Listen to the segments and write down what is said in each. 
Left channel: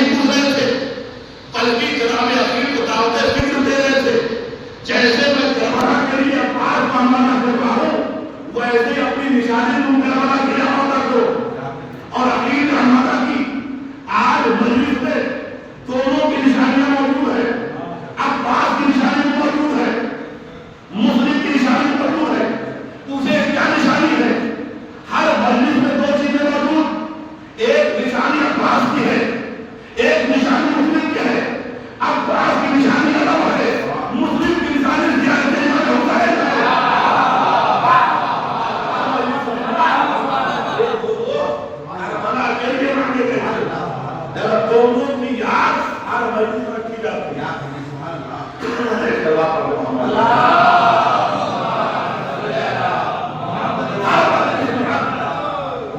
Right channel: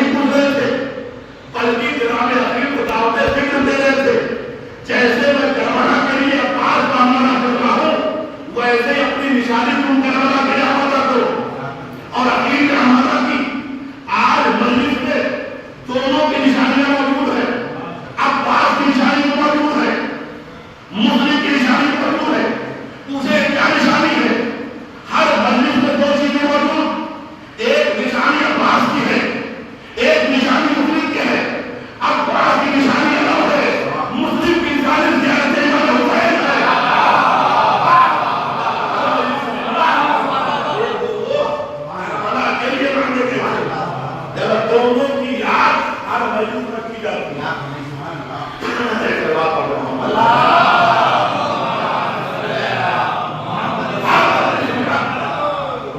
نہیں پوچھ رہے تھے، بلکہ جناب عقیل کو دعوت فکر دے رہے تھے. جیسے میں کربلا کے لیے عباس کا مانا کر رہا ہوں، ویسے اپنی نشانی تم کربلا کے لیے وعدہ کرو. اور عقیل کا مانا کی آج مجلس میں دونوں کی نشانیاں موجود ہیں. عباس کی نشانی موجود ہے، مسلم کی نشانی موجود ہے. اسے کیا نشانی ہے؟ ہر مجلس میں دو چیزیں موجود، ایک نشانی عباس کی ہے، ایک نشانی مسلم کی ہے. عباس کی نشانی الگ ہے، مسلم کی نشانی زیادہ تیز ہوتا ہے. دونوں کی یاد ہر مجلس میں کی جاتی ہے.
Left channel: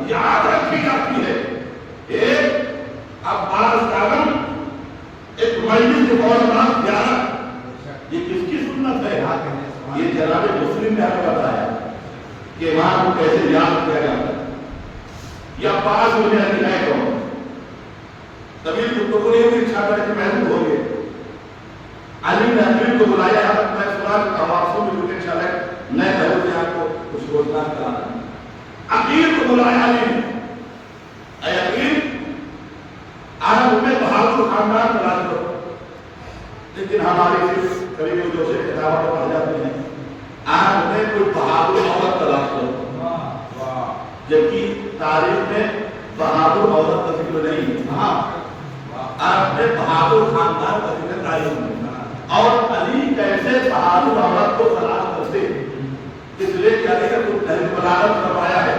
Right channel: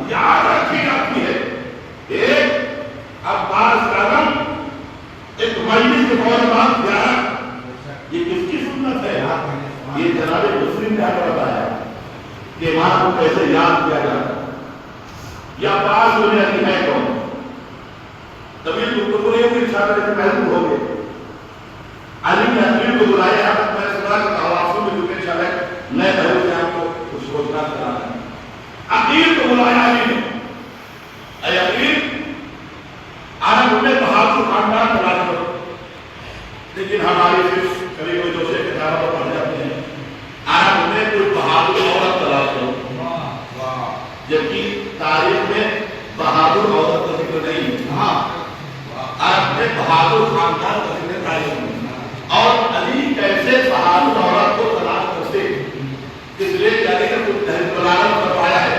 یاد رکھی جاتی ہے. ایک عباس کا غم، ایک مجلس کے فوراً بعد زیارت. یہ کس کی سنت ہے؟ یہ جناب مسلم نے ہمیں بتایا کہ امام کو کیسے یاد کیا جاتا ہے. یا عباس ہونے والی ہے کون؟ طویل گفتگو یہ بھی اشارہ ہے کہ محبوب ہو گئے. علی نے عقیل کو بلایا. میں سنا کہ حواسوں میں جو کہ انشاءاللہ نئے بھائی سے آپ کو کچھ روزگار کرانا ہے. عقیل کو بلایا علی نے. اے عقیل، عرب میں بہادر خاندان تلاش کرو، لیکن ہماری صرف قریب جو سے کتابیں پڑھ جاتی ہیں. عرب میں کوئی بہادر عورت تلاش کرو، جبکہ تاریخ میں بہادر عورت کا ذکر نہیں. عرب میں بہادر خاندان کا ذکر تاریخ میں. اور علی کیسے بہادر عورت کو تلاش کرتے، اس لیے کیا کہ کچھ بلاغت کروایا ہے.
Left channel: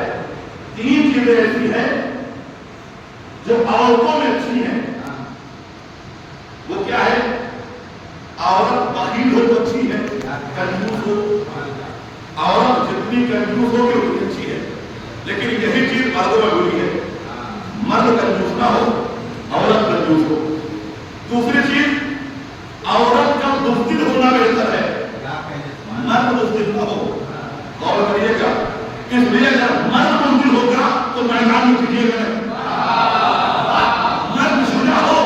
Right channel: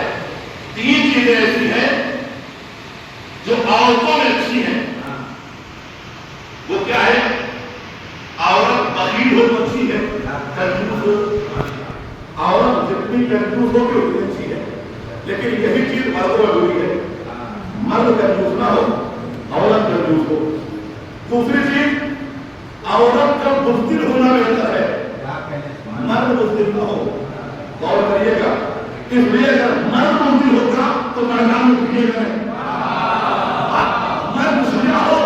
تین چیزیں ایسی ہیں جو عورتوں میں اچھی ہیں. وہ کیا ہے؟ عورت بخیل ہو تو اچھی ہے، کنجوس ہو. عورت جتنی کنجوس ہو اتنی اچھی ہے. لیکن یہی چیز مردوں میں ہوئی ہے. مرد کنجوس نہ ہو، عورت کنجوس ہو. دوسری چیز، عورت کا بزدل ہونا بہتر ہے، مرد بزدل نہ ہو. غور کریے گا، اس لیے اگر مرد بزدل ہوگا تو میدان میں پیچھے گا. مرد شجاع ہو،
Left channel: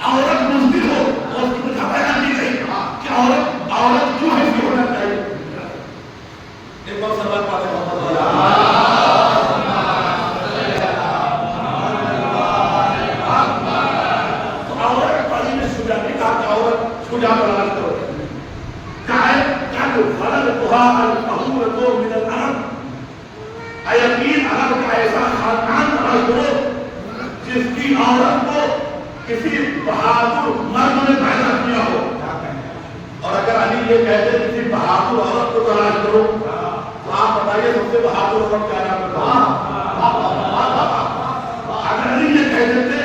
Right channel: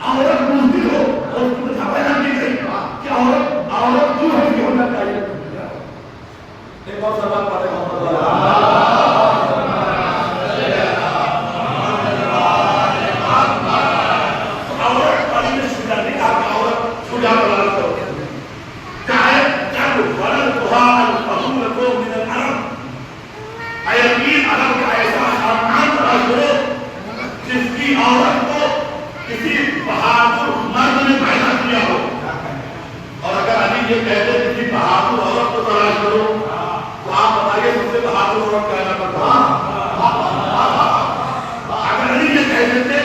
عورت بزدل ہو. اور اس کی وجہ پیدا کی گئی کہ عورت کیوں ایسی ہونا چاہیے. ایک بار سوال پاتے ہیں جس کی عورت کو کسی بہادر مرد نے پیدا کیا ہو. اور اگر علی یہ کہتے کسی بہادر عورت کو تلاش کرو تو آپ بتائیے سب سے بہادر عورت کیا نام کرتا. اگر علی یہ کہتے تھے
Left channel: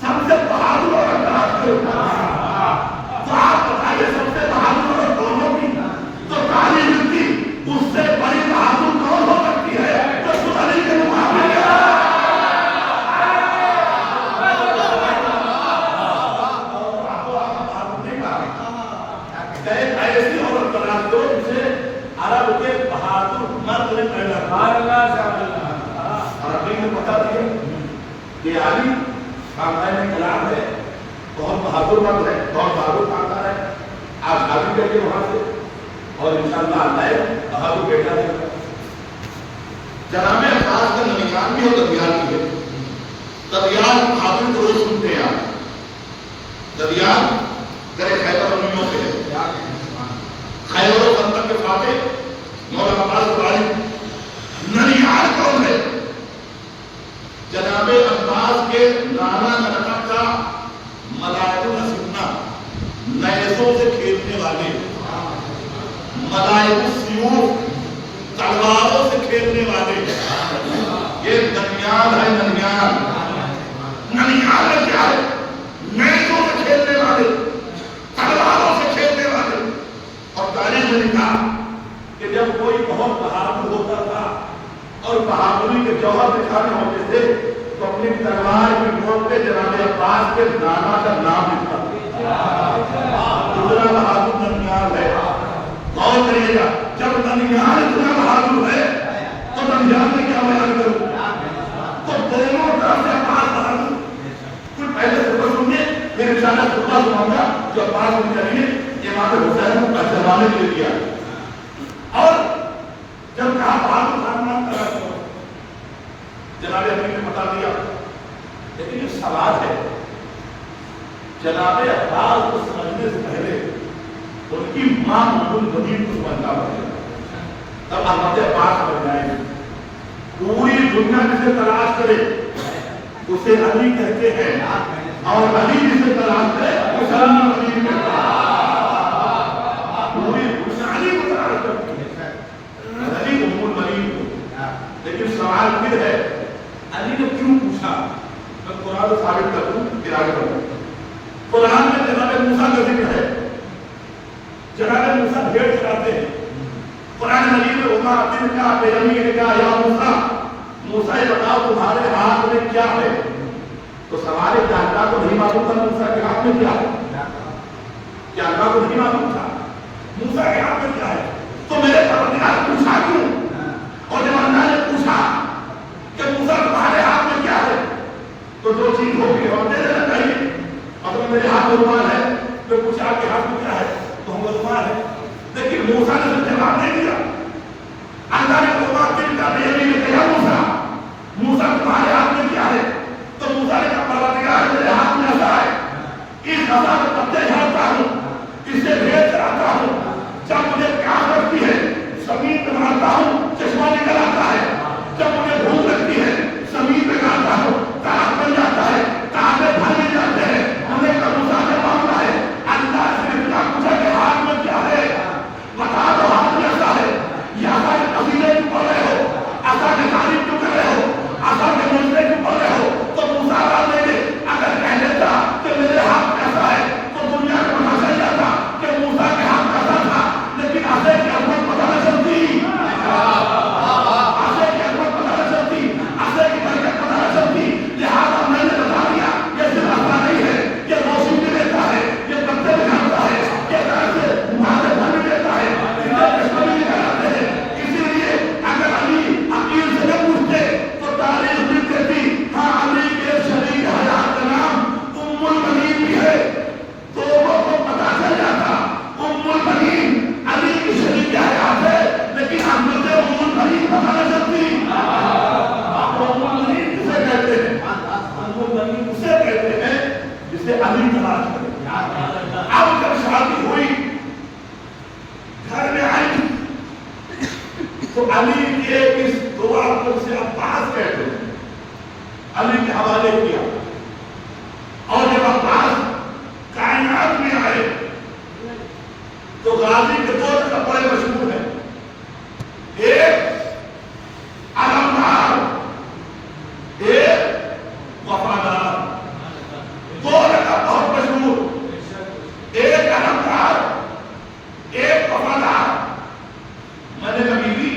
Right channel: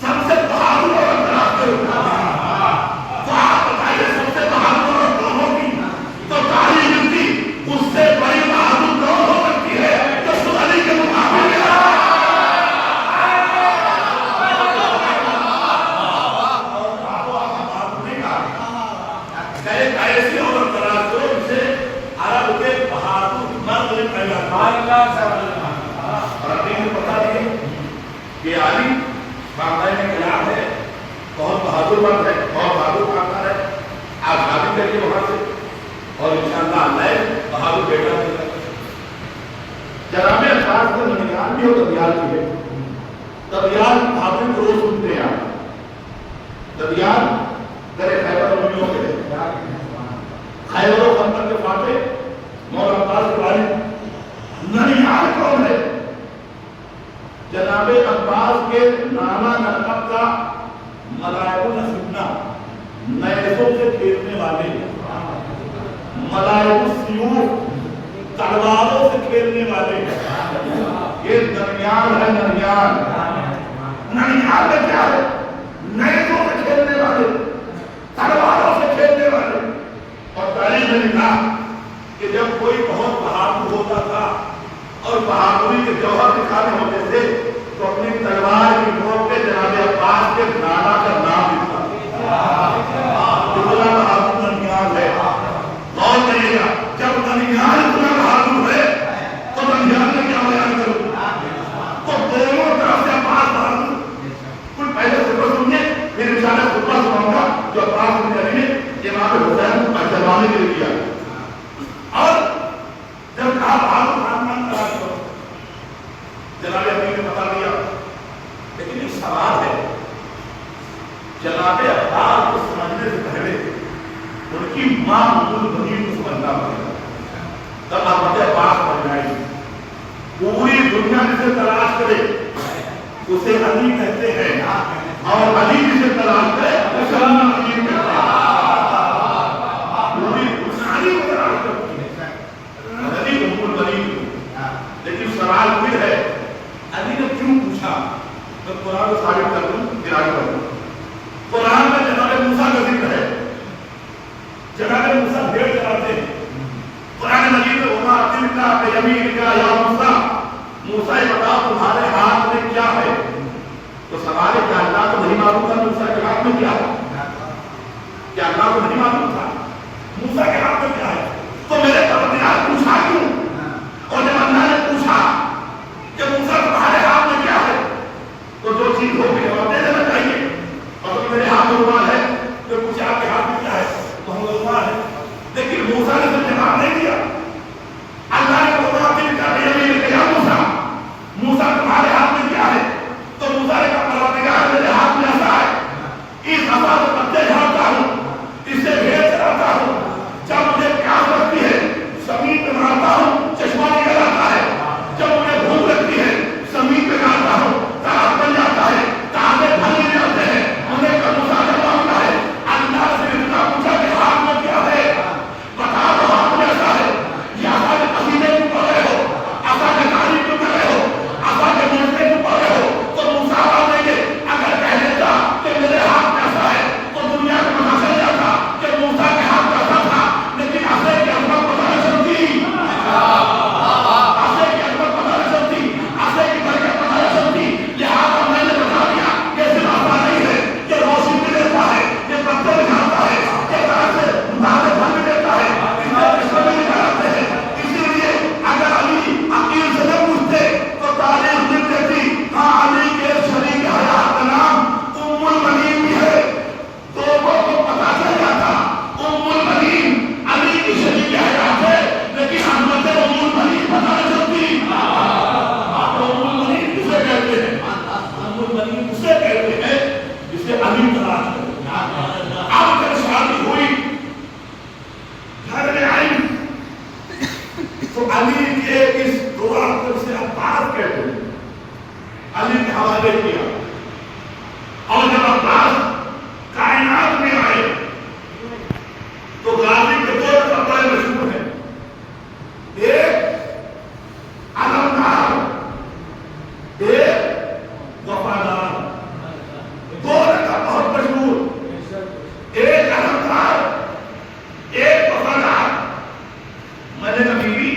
سب سے بہادر عورت تلاش کرو تو آپ بتائیے سب سے بہادر عورت کون ہوگی. تو تعلیم ملتی اس سے بڑی بہادر کون ہو سکتی ہے تو خود علی کے مقابلے. ایسی عورت تلاش کرو جسے عرب کے بہادر مرد نے پیدا کیا. اور اپنے کو بتا دیے کہ علی خاندان میں کلام ہے، بہت بہادر مرد ہے، بہت بہادر خاندان ہے. آپ شادی کریے وہاں سے اور انشاءاللہ اللہ بہادر بیٹا ہوگا. جناب عباس کا ننیال بھی ہو ددیال کی ہے. ددیال بہادر کو روز سنتے ہیں آپ. ددیال درے خیبر امیوں کے ہے. خیبر و خندق کے فاتح مولانا عباس بخاری. ننیال کون ہے؟ جناب عباس کے نانا نقب کا ملائک الاسمنا، نیزوں سے کھیلنے والے، ملائک السیوف، تلواروں سے کھیلنے والے. یہ ننیال ہے. ننیال میں کیا ہے؟ نیزوں سے کھیلنے والے، تلواروں سے کھیلنے والے. اور تاریخ میں لکھا کہ جب کوئی بہت بہادر ہوتا تھا اور بہادری کے جوہر دکھانے ہوتے تھے تو اپنی تلوار کی نوک پہ جناب عباس کے نانا کا نام لکھتا تھا. اتنا بہادر ننیال ہے. غور کریے گا، جب ننیال اتنا بہادر ہے تو ننیال میں کیا بیان کروں. تو دونوں طرف سے عباس بہادر. کوئی انشاءاللہ خطبہ سناؤں گا جو عباس بن علی نے امام حسین کو جلوانے کے لیے کیا. اور جب کہا بہادر خاندان تلاش کرو، جناب امیر نے بتا دیا. لیکن ایک سوال ہے، جناب عباس کو سمجھنے سے پہلے ان کی ماں ام المؤمنین کو سمجھنا پڑا. تب احمد عباس بن جائے. پوری دنیا جسے تلاش کرے اسے علی کہتے ہیں، اور علی جسے تلاش کرے اسے علی کہتے ہیں. پوری علی کو تلاش کرتے ہیں، علی ام المؤمنین کو. لیکن سوال پھر ہے علی نے کیوں پوچھا؟ میں قرآن کو ثابت کر دوں پھر آگے بڑھوں. قرآن میں جناب موسیٰ کا ذکر ہے. جناب موسیٰ بھیڑ چلاتے ہیں. قرآن مجید میں وما تلک بیمینک یا موسیٰ، موسیٰ یہ بتاؤ تمہارے ہاتھ میں کیا ہے؟ تو سوال ہے کیا اللہ کو نہیں معلوم تھا موسیٰ کے ہاتھ میں کیا ہے؟ کیا اللہ کو نہیں معلوم تھا موسیٰ کے ہاتھ میں کیا ہے؟ تو میرے پروردگار پوچھا کیوں؟ اور جب اللہ نے پوچھا کہ موسیٰ تمہارے ہاتھ میں کیا ہے تو جو چیز ہو بھی اور دے دینا چاہیے. اگر میرے ہاتھ میں رومال ہے تو پوچھا آپ کے ہاتھ میں کیا ہے تو ہم رومال ہے. لیکن موسیٰ نے تو جواب نہیں دیا. اللہ نے کہا تلک بیمینک یا موسیٰ، موسیٰ تمہارے ہاتھ میں کیا ہے؟ تو موسیٰ نے کہا پروردگار میرے ہاتھ میں عصا ہے. اس عصا سے پتے جھاڑتا ہوں، اس سے بھیڑ چراتا ہوں. جب مجھے پیاس لگتی ہے زمین پہ مارتا ہوں، چشمہ نکل آتا ہے. جب مجھے بھوک لگتی ہے زمین پہ مارتا ہوں، تاخت بن جاتا ہے، تازے بھرنے جاتے ہیں. ہم نے کہا موسیٰ جب مانگتا ہے اللہ سے اتنا پوچھا کہ ہاتھ میں کیا ہے؟ بتا دو ہاتھ میں عصا ہے. یہ عصا کے قصیدے کیوں پڑھ رہے ہو؟ عصا کے تعریف کیوں کر رہے ہو؟ عصا کے معجزے کیوں پڑھ رہے ہو؟ تو موسیٰ بات نہیں کہ اگر کہہ دیتا کہ میرے ہاتھ میں عصا ہے تو دنیا کو پتہ چل جاتا کہ موسیٰ کے ہاتھ میں عصا تھا. لیکن عصا کی عظمت پتہ نہ چلتی، عصا کی عظمت پتہ نہ چلتی، عصا کی برکت پتہ نہ چلتی. لہٰذا میں نے بتا دیا یہ صرف عصا نہیں ہے، یہ روشنی بھی دیتا ہے، یہ پتھر جھاڑتا ہے، یہ طرح سے تازے پھل بھی دیتا ہے، اس سے چشمے بھی نکالتے ہیں. اسی لیے اگر علی عقیل سے نہ پوچھتے تو تاریخ لکھ دیتی ہاں علی کے شریک حیات کا نام ام المؤمنین بھی ہے. تو وہ پتہ چل جاتا ام المؤمنین علی کی شریک حیات ہے، لیکن حضرت ام المؤمنین پتہ نہ چلتی. ام المؤمنین کسے کہتے ہیں؟ ام المؤمنین اسے کہتے ہیں جسے علی تلاش کرے. اب جب شادی ہوئی گھر میں آئی تو علی کے اس دعا کو سے عباس کہتے ہیں، علی کے حوالے کیا. اور جب عباس کائنات میں آئے تو غازی کے دو کپڑے مشہور ہیں. ایک علمدار، ایک وفادار. دو لقب بہت مشہور، ایک علمدار ایک وفادار. میں نے کبھی بھی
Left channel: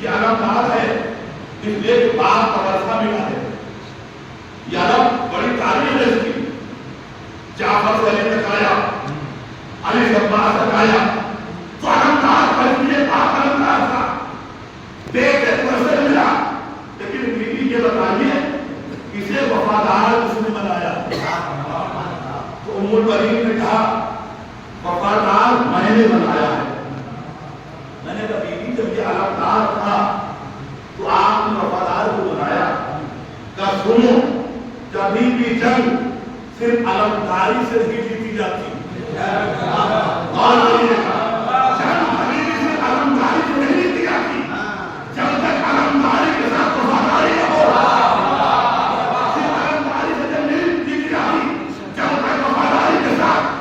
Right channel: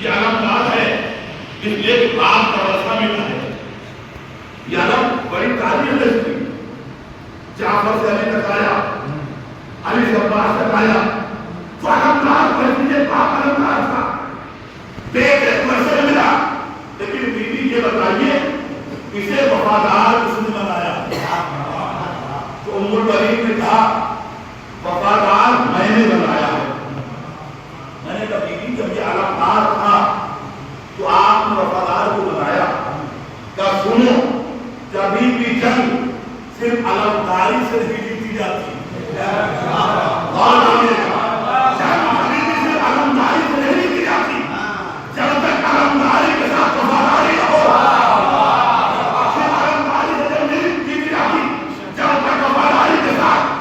یہ علمدار ہے اس لیے کہ باپ کا ورثہ ملا ہے. یہ علم بڑی تعریف ہے اس کی. جعفر سے علی تک آیا، علی سے عباس تک آیا تو علمدار بلکہ باپ علمدار تھا. دیکھ کے ورثہ ملا. لیکن بیوی یہ بتائیے اسے وفادار کس نے بنایا؟ تو ام المؤمنین نے کہا وفادار میں نے بنایا ہے. میں نے کہا بیوی جب یہ علمدار تھا تو آپ نے وفادار کو بنایا. کہا سنو کبھی بھی جنگ صرف علمداری سے نہیں جیتی جاتی. اور جنگ کبھی بھی صرف علمداری سے نہیں جیتی جاتی. جب تک علمداری کے ساتھ وفاداری ہو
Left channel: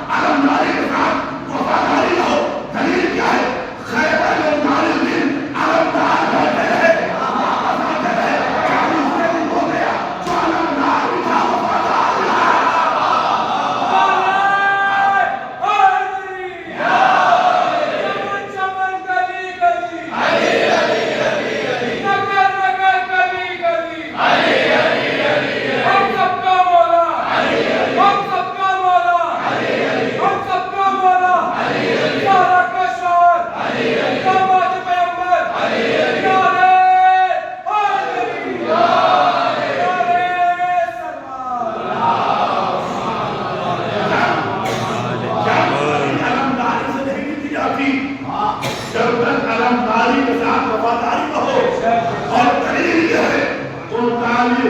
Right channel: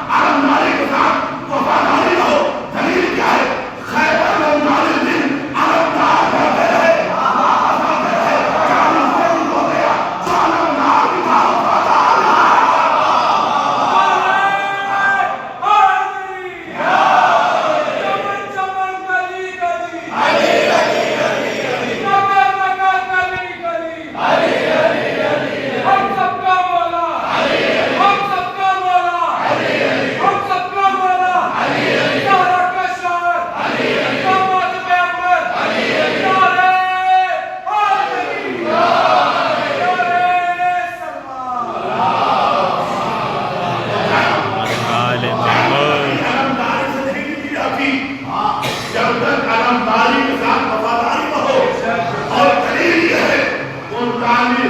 علمداری کے ساتھ وفاداری ہو. دلیل کیا ہے؟ خیبر علمداری دن علمدار ہوتے ہیں واپس آتے ہیں. کبھی سے بھی ہو گیا تو علمدار بھی تھا وفادار بھی تھا. 40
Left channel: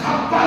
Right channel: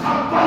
56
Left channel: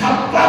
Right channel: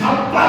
56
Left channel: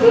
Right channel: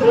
2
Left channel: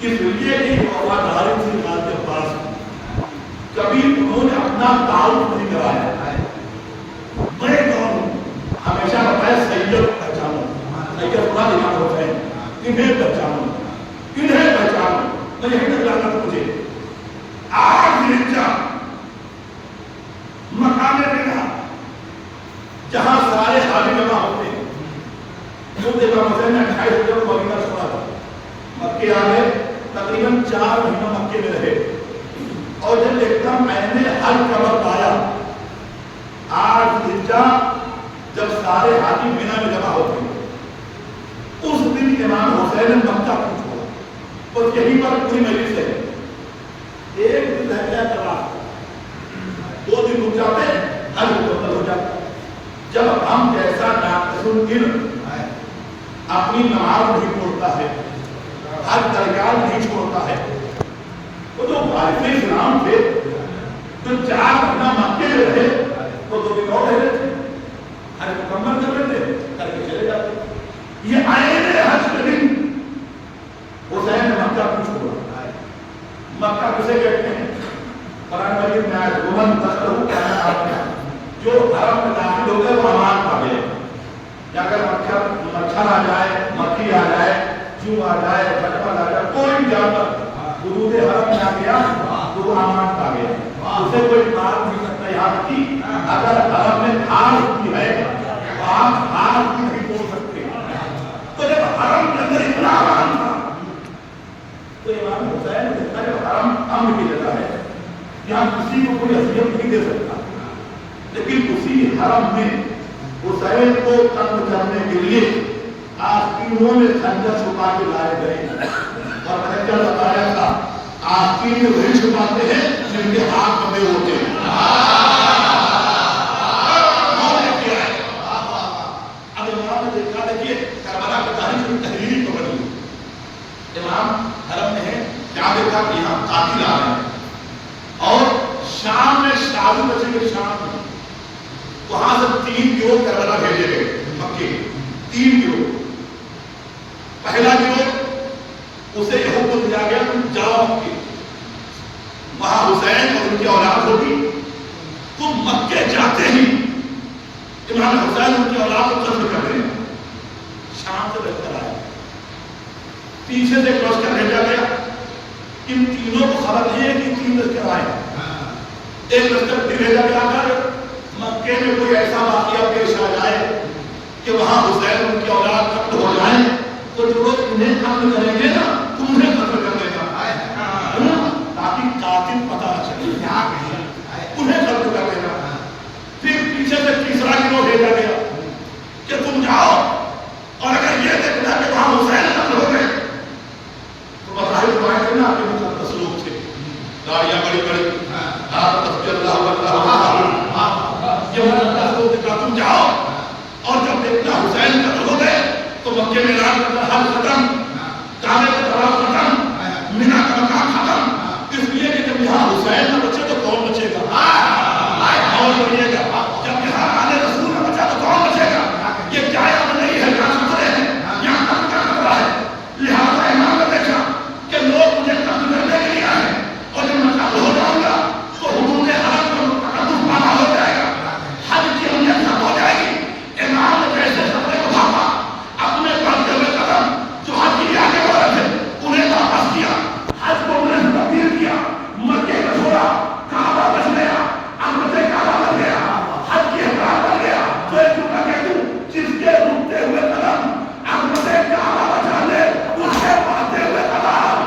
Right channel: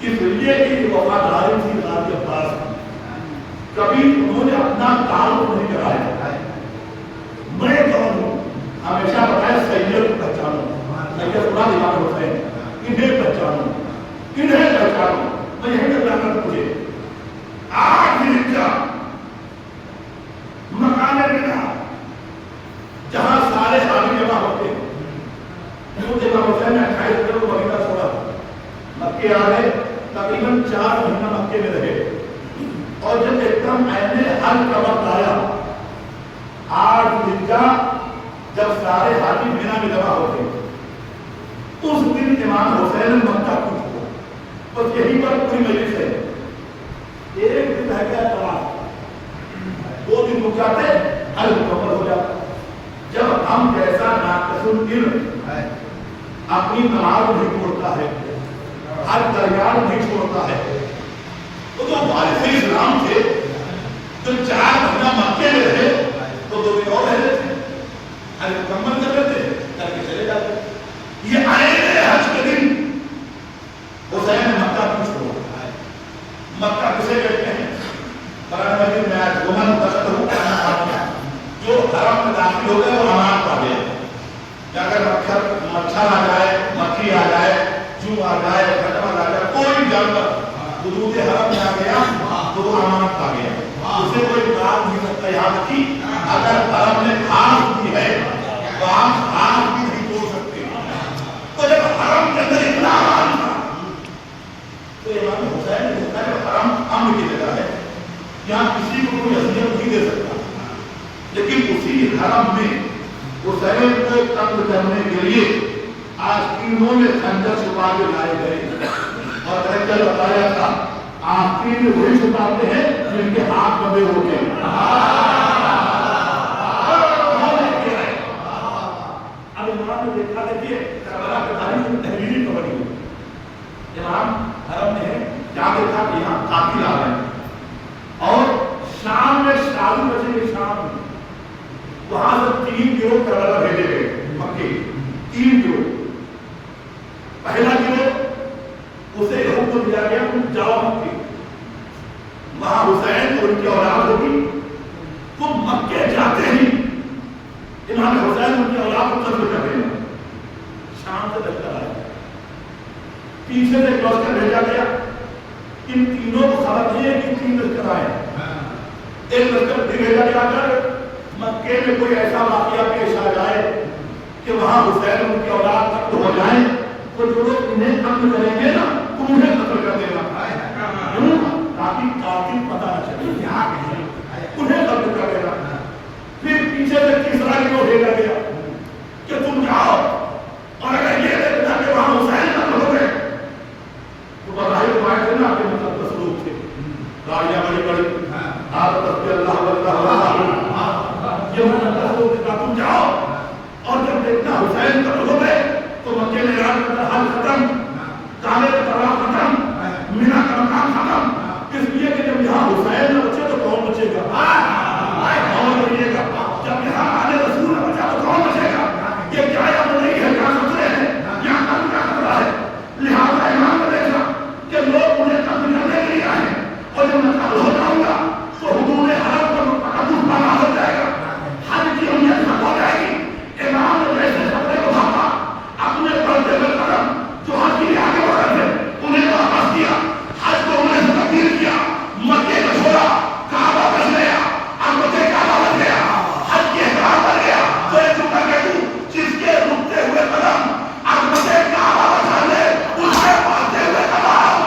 اس لیے کہ وفاداری تھی ذات عباس کی، کبھی انہوں نے اپنا تعارف نہیں کرایا، میں کون ہوں، ہمیشہ بتایا سید پہچانو، سید خدا امام حسین، انہیں پہچانو، انہیں پہچانو، میں یہی نظر مجھے آج رجا مکان بنا جہاں سارے حامی جمع ہوتے ہیں، جو امام حسین نے 28 دن مدینہ چھوڑا تھا، مکے آئے، تقریباً 4 مہینہ مکے میں رہے، اور جب ایک دم عین حل کا وقت آیا، 8 رجا جب سارے حامی بنا میں جمع ہوتے ہیں، اس دن امام حسین نے مکہ کیوں چھوڑا؟ بس یہی پر پوری مجلس ہے، ایک دن رہ گیا چلا، 2 دن رک جاتے حل مکمل ہو جاتا۔ جب ہم جیسا ناقص العلم اپنی نماز نہیں چھوڑتا ہے، حج درگاہ نہیں چھوڑتا ہے، تو جو وارث اسلام تھے جو 4 مہینہ مکے میں رہے تو 2 دن اور رہ رہے تھے، حج مکمل کر رہے تھے، کر کے چلے جاتے۔ یہ عین حج کے دن حسین نے مکہ کیوں چھوڑا؟ مکہ کسے کہتے ہیں؟ قرآن مجید میں آئے ومن دخلہ کان آمنا، جو حرم میں داخل ہو گیا وہ امان پا گیا، یا اگر مچھر آ جائے، مکھی آ جائے، جو آ جائے، پھٹمل آ جائے، کوئی جانور حدود حرم میں آ گیا تو وہ امان پا گیا، اسے کوئی مار نہیں سکتا۔ یہاں کی اگر حرم میں گھاس بھی ہے تو آپ گھاس بھی نہیں توڑ سکتے۔ تو جب حرم کے اندر اتنا امان تھا تو امام حسین نے کہا جب حرم امن کی جگہ ہے، یہاں کسی کو کوئی اذیت نہیں دے سکتا، لیکن اسی حرم میں حسین کو قتل کرنے کے لیے آستینوں میں خنجر چھپا کے لائے گئے، اور میں کل بتایا تھا آستین وہی چھپاتے ہیں جن کے ہاتھ بندے ہوتے ہیں۔ اب امام نے دیکھا دیکھیے کربلا کے تاریخ میں تحریری کو بنی، امام حرم میں ہے، کیا دیکھا کہ یہاں قاتل آ رہے ہیں، اور شام میں شادو بچے گے، شام میں وہاں سے 3 گروہ کربلا بھیجے گئے مکے، 3 گروہ۔ پہلا گروہ اسے یہ حکم دیا گیا تم جاؤ مکے، وہاں حسین اور ان کی اولاد ہوگی، تم مکے جاتے ہی امام حسین ان کی اولاد کو قتل کر دینا۔ شام سے لشکر آیا، پیچھے سے ایک لشکر بھیجا گیا، ان تینوں کو خبر نہیں ہے کہ 3 لشکر آئے، ایک لشکر پھر بھیجا گیا اگر مکے میں کوئی ایسا واقعہ پیش آ جائے کہ وہاں حسین ان کی اولاد قتل ہو جائیں تو جو لوگ انہیں قتل کریں گے نا تم انہیں قتل کر دینا، تاکہ قاتل پتہ نہ چلے، انہیں قتل کر دینا۔ پھر پیچھے سے تیسرا گروہ بھیجا گیا کہ تم جاؤ اور اگر یہ دیکھنا کہ وہاں حسین قتل ہو گئے تو براہ روایت ہے نا آپ کے مقدس لوگ تھے، گاڑیاں بڑی بڑی، آپ تسبیح اللہ یہ مقدس لوگ تھے، تم جاؤ اور جب دیکھنا حسین قتل ہو گئے تو مکے میں اعلان کرنا حل ختم، کعبے کا طواف ختم، مینا کا مقام ختم، اس لیے کہ جب یہاں حسین نہ بچے تو کون بچے گا؟ کون بچے گا؟ جب یہاں آل رسول نہ بچا تو کون بچے گا؟ یہ کیا یاد نہیں ہے، یہاں خطرے ہیں، یہاں قتل کا خطرہ ہے، لہٰذا امام نے دیکھا کہ لوگ مجھے قتل کرنے کے لیے آئے ہیں، اور جب میں قتل ہو جاؤں گا تو حدود حرم کا تقدس پانا ہو جائے گا، حج کی اہمیت ختم ہو جائے گی۔ امام نے جیسے خطرے کو بھاپا، اپنے بڑھتے ہوئے قدم جو حج کے لیے آگے بڑھ رہے تھے انہیں واپس کیا، حج کو انہیں سے تبدیل کیا، مکے کا چھوڑا، کعبہ بچ گیا، عظمت کعبہ بچ گیا، حج کی احرام بچ گیا، تو ایک رکا کہ تو جس کے رکتے ہوئے قدم عظمت کعبہ بچا لے اس کے بڑھتے ہوئے قدم۔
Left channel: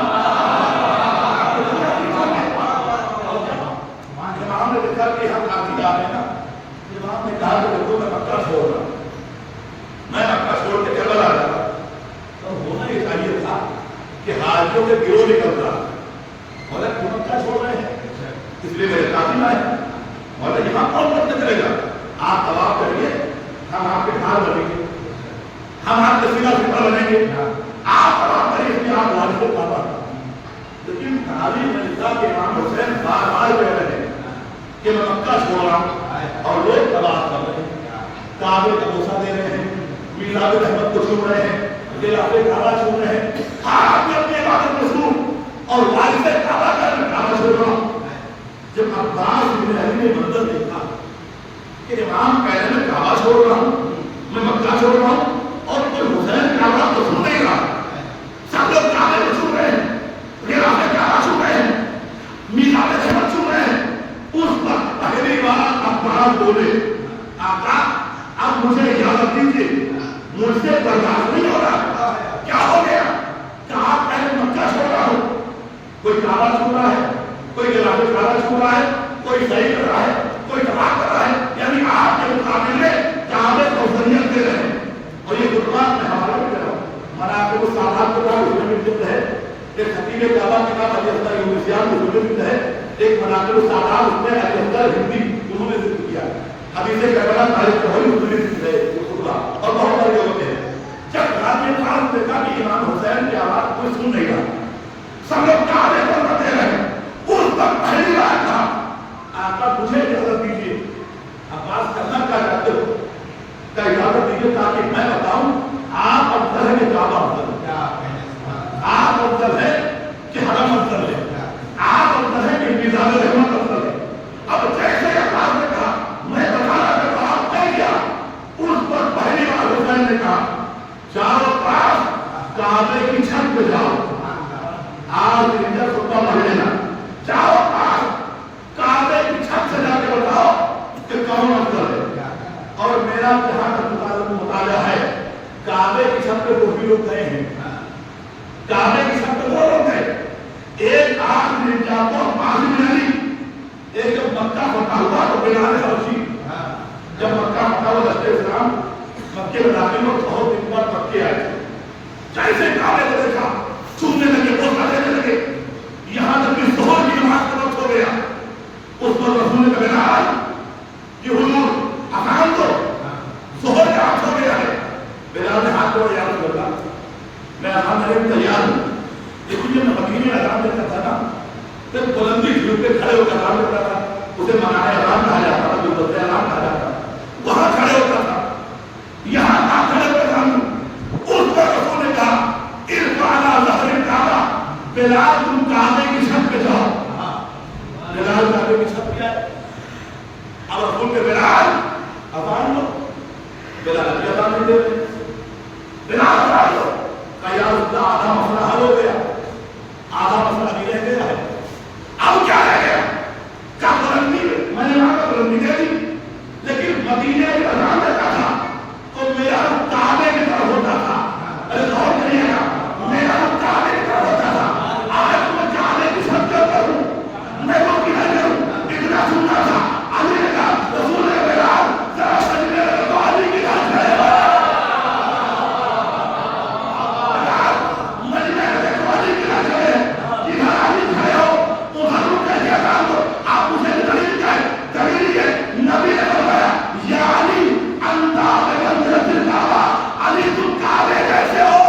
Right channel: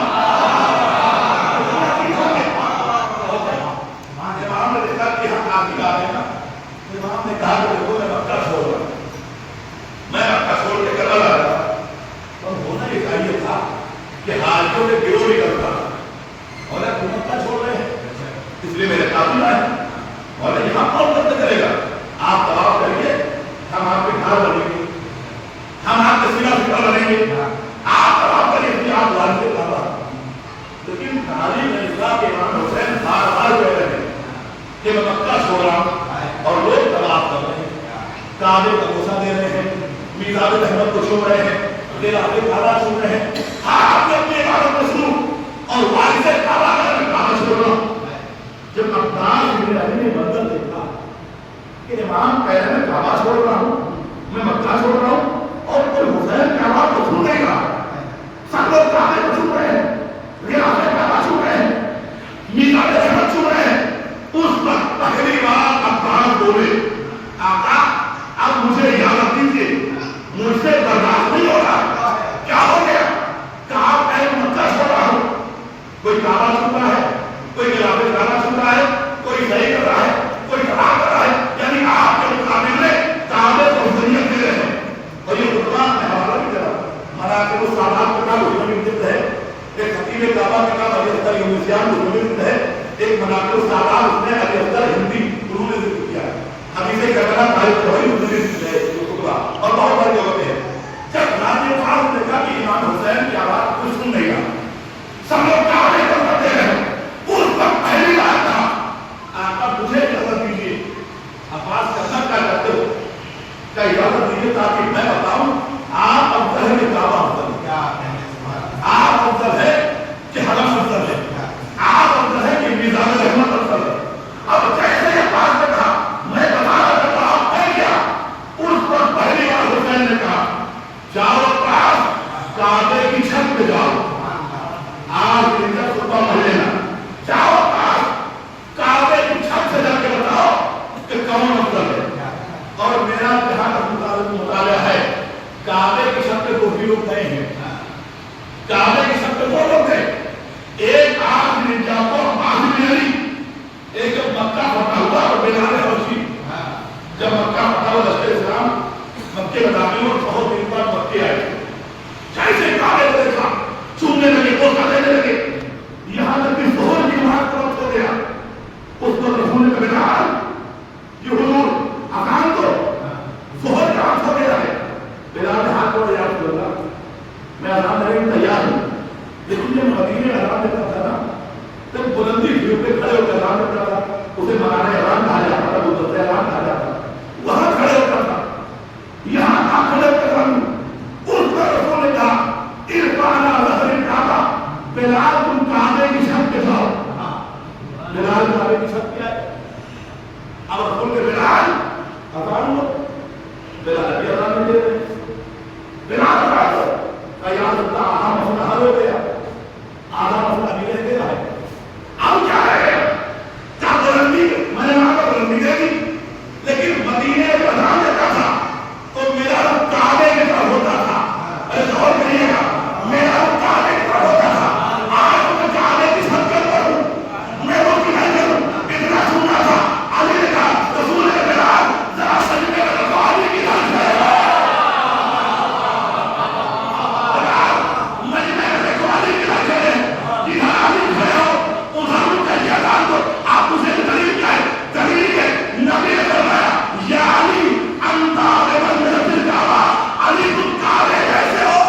امام نے دیکھا کہ ہم قاتل آ رہے ہیں نا، امام نے کہا کہ دیکھو میں مکہ چھوڑ رہا ہوں، میں مکہ چھوڑ کے کربلا آ رہا، اور ہونا یہ چاہیے تھا کہ حاجیوں کے گروہ نکلتا، اور تم مکہ چھوڑ رہے ہیں اس لیے میرے قاتل آئے، اور یہاں کون قتل کرے گا؟ آپ طواف کریے، ہم آپ کے گھر بنیں گے، ہم آپ کے سینہ سے بنیں گے، آپ طواف کریے کہ آپ وارث کعبہ۔ لیکن تعلیم اللہ کے امام حسین بار بار کہہ رہے ہیں کہ میں مکہ چھوڑ رہا ہوں، اور لوگ طواف کر رہے ہیں، کعبے کا بوسہ دے رہے ہیں، میلاد احمد کو چھو رہے ہیں، خلاف کعبہ چھو رہے ہیں، آپ نے اپنی عبادت میں شروع اور وارث کعبہ کا میں کعبہ چھوڑ رہا ہوں. جب عباس بن علی نے منظر دیکھا کہ امام کہہ رہے میں کعبہ چھوڑ رہا ہوں, میں مکہ چھوڑ رہا ہوں, اور کوئی حسین کعبہ کو چھوڑ نہیں رہا, سب لوگ کعبے کو چھوڑ رہے ہیں, غلاف کعبہ چھوڑ رہے ہیں, میلاد شرف چھوڑ رہے ہیں. اس وقت پہلی بار عباس بولے آقا اب مجھے اجازت دیجیے, مجھ سے برداشت نہیں ہو رہا. کیا ہو گیا؟ کہا میں مکہ چھوڑ رہا ہوں. کوئی کعبہ چھوڑ رہا ہے, کوئی غلاف کعبہ چھوڑ رہا ہے, کوئی صحیح کر رہا ہے, کوئی خراب کر رہا ہے, یعنی آپ کے مقابل میں کعبے کو افضلیت دے رہے ہیں. اور یہ خطبہ میں حوالہ بھی کر رہا ہوں, مناقب السادات کے بعد اسی میں ذکر ہے, ایک خطیب کعبہ کے نام علی اختر یونسیان کو ذکر ہے, ایک مناقب السادات اس نے علی اختر ہندی انہوں نے ذکر کیا ہے. حدیث کربلا تاریخ جوہری اردو میں ذکر ہے یہ خطبہ, اور بہت بڑی جگہ پہ ہے. جب غازی فاروق نے دیکھا کہ امام حسین کی آواز کوئی سن نہیں رہا, سب لوگ کعبے پر بڑھتے رہے, اس وقت پہلی بار کہا آقا مجھے اجازت دیجیے. عباس کرنا کیا کرتے ہو, کا اجازت دیجیے تاکہ میں بتاؤں آپ افضل ہے کہ کعبہ افضل ہے, آپ افضل ہے کہ حرم افضل ہے, آپ افضل ہے کہ میزان رحمت افضل ہے. اب جیسے عباس نے کہا میں بتانا چاہتا ہوں ہے کیا, اس وقت پہلی بار حسین نے کہا جاؤ پاس کعبے کی چھت پہ جاؤ, آج خطبہ پڑھ لینا, جاؤ پاس کعبے کی چھت سے جا کے بتاؤ کہ کون افضل ہے. اور میرا جہاں تک مطالعہ ہے کعبے کی چھت پہ کوئی لوگ گئے ہیں, کعبے کی چھت پہ وہ لوگ گئے, ایک آج رجا کو عاصم بن علی, ایک جب مکہ فتح ہوا تو بلال حبشی, جب مکہ فتح ہوا لشکر اسلام مکے میں داخل ہو, بہت دن بعد مکے آئے, جیسے کعبے کو دیکھا چومنے لگے, بوسہ دینے لگے. یہاں جب بھی ظہر کی نماز کا وقت ہو گیا, اس وقت رسول نے کہا کہ حضور اذان دو, ظہر کا وقت ہو گیا ہے. بلال نے ہاتھ کو یا رسول اللہ میں اذان دینے میں تیار ہوں, لیکن جب میں مدینے میں اذان دیتا تھا نا تو بلندی پھر پہ کھڑے ہو کر اذان کرتا تھا, اسے منانے اذان کہا جاتا تھا, وہ دستے اذان کہا جاتا تھا, وہاں کھڑے ہوتا تھا, یہاں آپ کھڑے ہو کر اذان. اس پر رسول نے کہا ارفعنا ظہر الکعبہ, بلال تم کعبے کی چھت پہ جاؤ. بلال کعبے کی چھت پہ آئے. اب رسول کے بلال اذان دو, بلال ابھی اذان نہیں دے رہے, بلال اذان دو. یا رسول اللہ آدھا مسئلہ حل ہو گیا, آدھا مسئلہ ابھی رہ گیا ہے, اب کیا رہ گیا؟ کیا بلندی, میں نے وہاں کا بلندی دے دی, لیکن مدینے میں اذان دیتا تھا تو میرا رخ کعبے کی طرف ہوتا تھا. غور کریے گا, میرا رخ کعبے کی طرف ہوتا تھا. آج میں کعبے کی چھت کے اوپر ہوں, میں رخ کی نہیں کروں, اتنا سننا تھا. علی نے کہا رسول نے بلال ذرا سجدے میں رکھو, علی کی یاد ہے مجمع میں دیکھو, علی کی یاد ہے, جدھر علی کھڑے ہو ادھر رک کر یہ اذان دو. آپ اسے دلیل کیا ہے؟ دلیل ہے نبی نے فرمایا یا علی انت بمنزلۃ الکعبہ, علی تم کعبے جیسے ہو.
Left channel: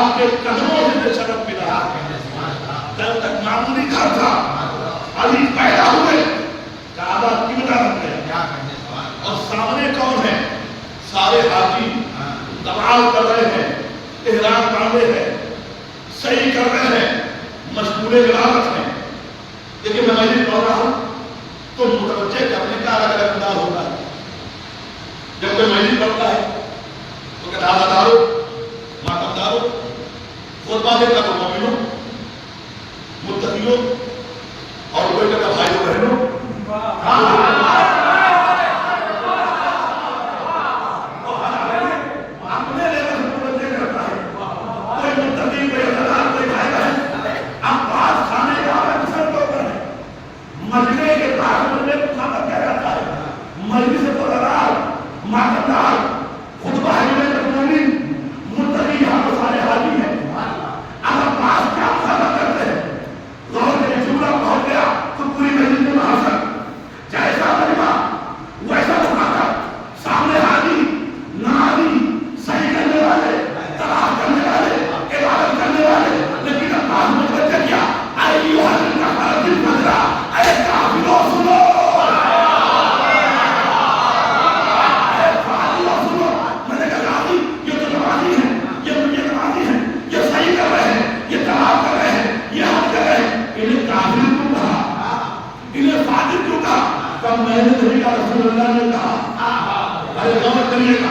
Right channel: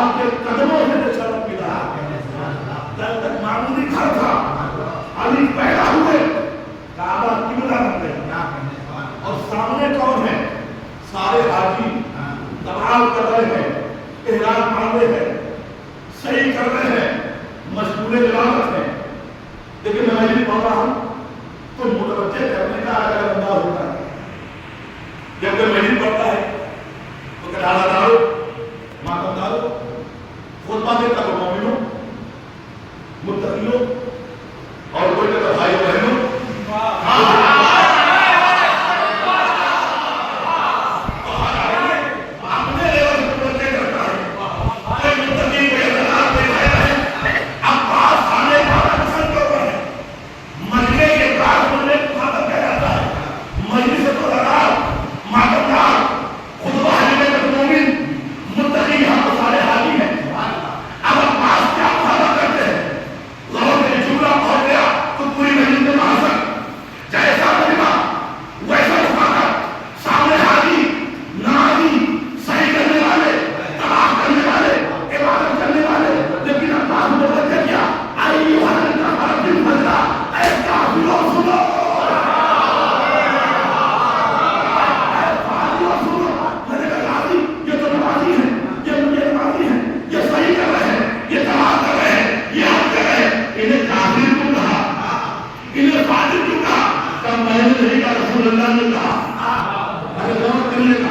آپ کے قدموں سے شرف ملا. جب تک معمولی گھر تھا علی پیدا ہوئے کعبہ قبلہ بن گیا. اور سامنے کون ہے؟ سارے حاجی دمال کر رہے ہیں, احرام باندھے ہیں, صحیح کر رہے ہیں, مشغول عبادت ہیں. لیکن میں مسجد پڑھ رہا ہوں تو متوجہ کرنے کا الگ الگ انداز ہوتا ہے. جب کوئی مسجد پڑھتا ہے تو کہ دادا دارو ماتم دارو خطبہ دیتا تو مومنوں متقیوں, اور کوئی کہتا بھائیوں بہنوں. رسول اللہ نے کہا, ارے غور کریے گا,